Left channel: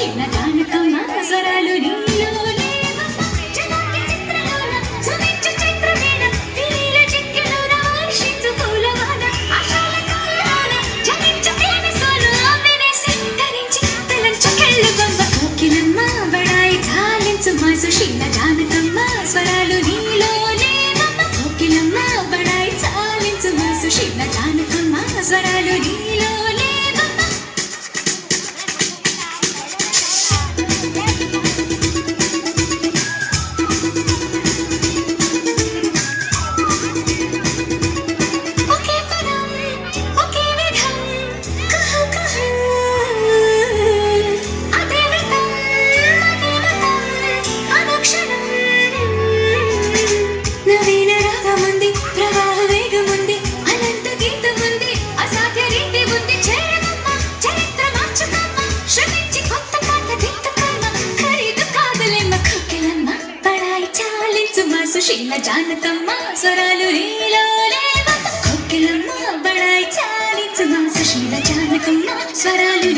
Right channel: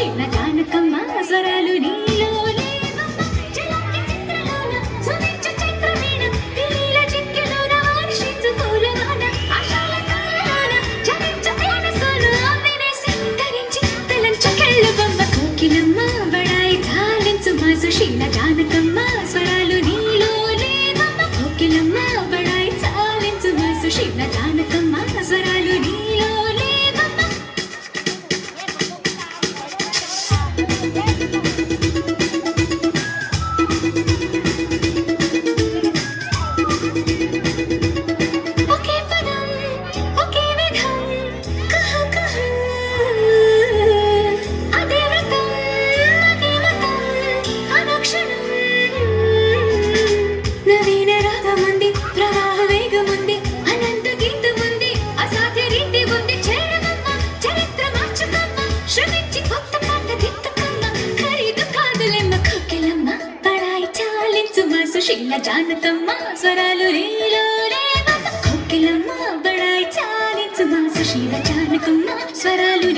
సుశీల జానకమ్మ స్వరాలు నీలోనే జలాకి చిత్రలోన సుమించు చైత్రవీణ విలీల చిక్కెలోన వర్షించు పూలవాన ఆశాల కాయలోన జనించు తేనె సోను ఆమెనే సింగరించి తెలంచు కెళ్ళు బొమ్మ కోకిలమ్మ బడాయి ఝాలించు మా సుశీల జానకమ్మ స్వరాలు నీలోనే కోకిలమ్మ బడాయి ఝాలించు మా సుశీల జానకమ్మ స్వరాలు నీలోనే ఒకే పదం ఒకే విధం కహ కహ అదే వ్రతం అదే వ్రతం అనుక్షణం నవీన రాగముంది ప్రవాహ వేగముంది అనంత గీతముంది అసాధ్య రీతి ఉంది చేరగమ్మ చరిత్ర మార్చుకమ్మ శ్రమించి కొత్త పాట దిక్కుకమ్మ ఖరీదు కాదులేమ్మ కోకిలమ్మ బడాయి చాలించు మా సుశీల జానకమ్మ స్వరాలు నీలోనే కోకిలమ్మ బడాయి చాలించు మా సుశీల జానకమ్మ స్వరాలు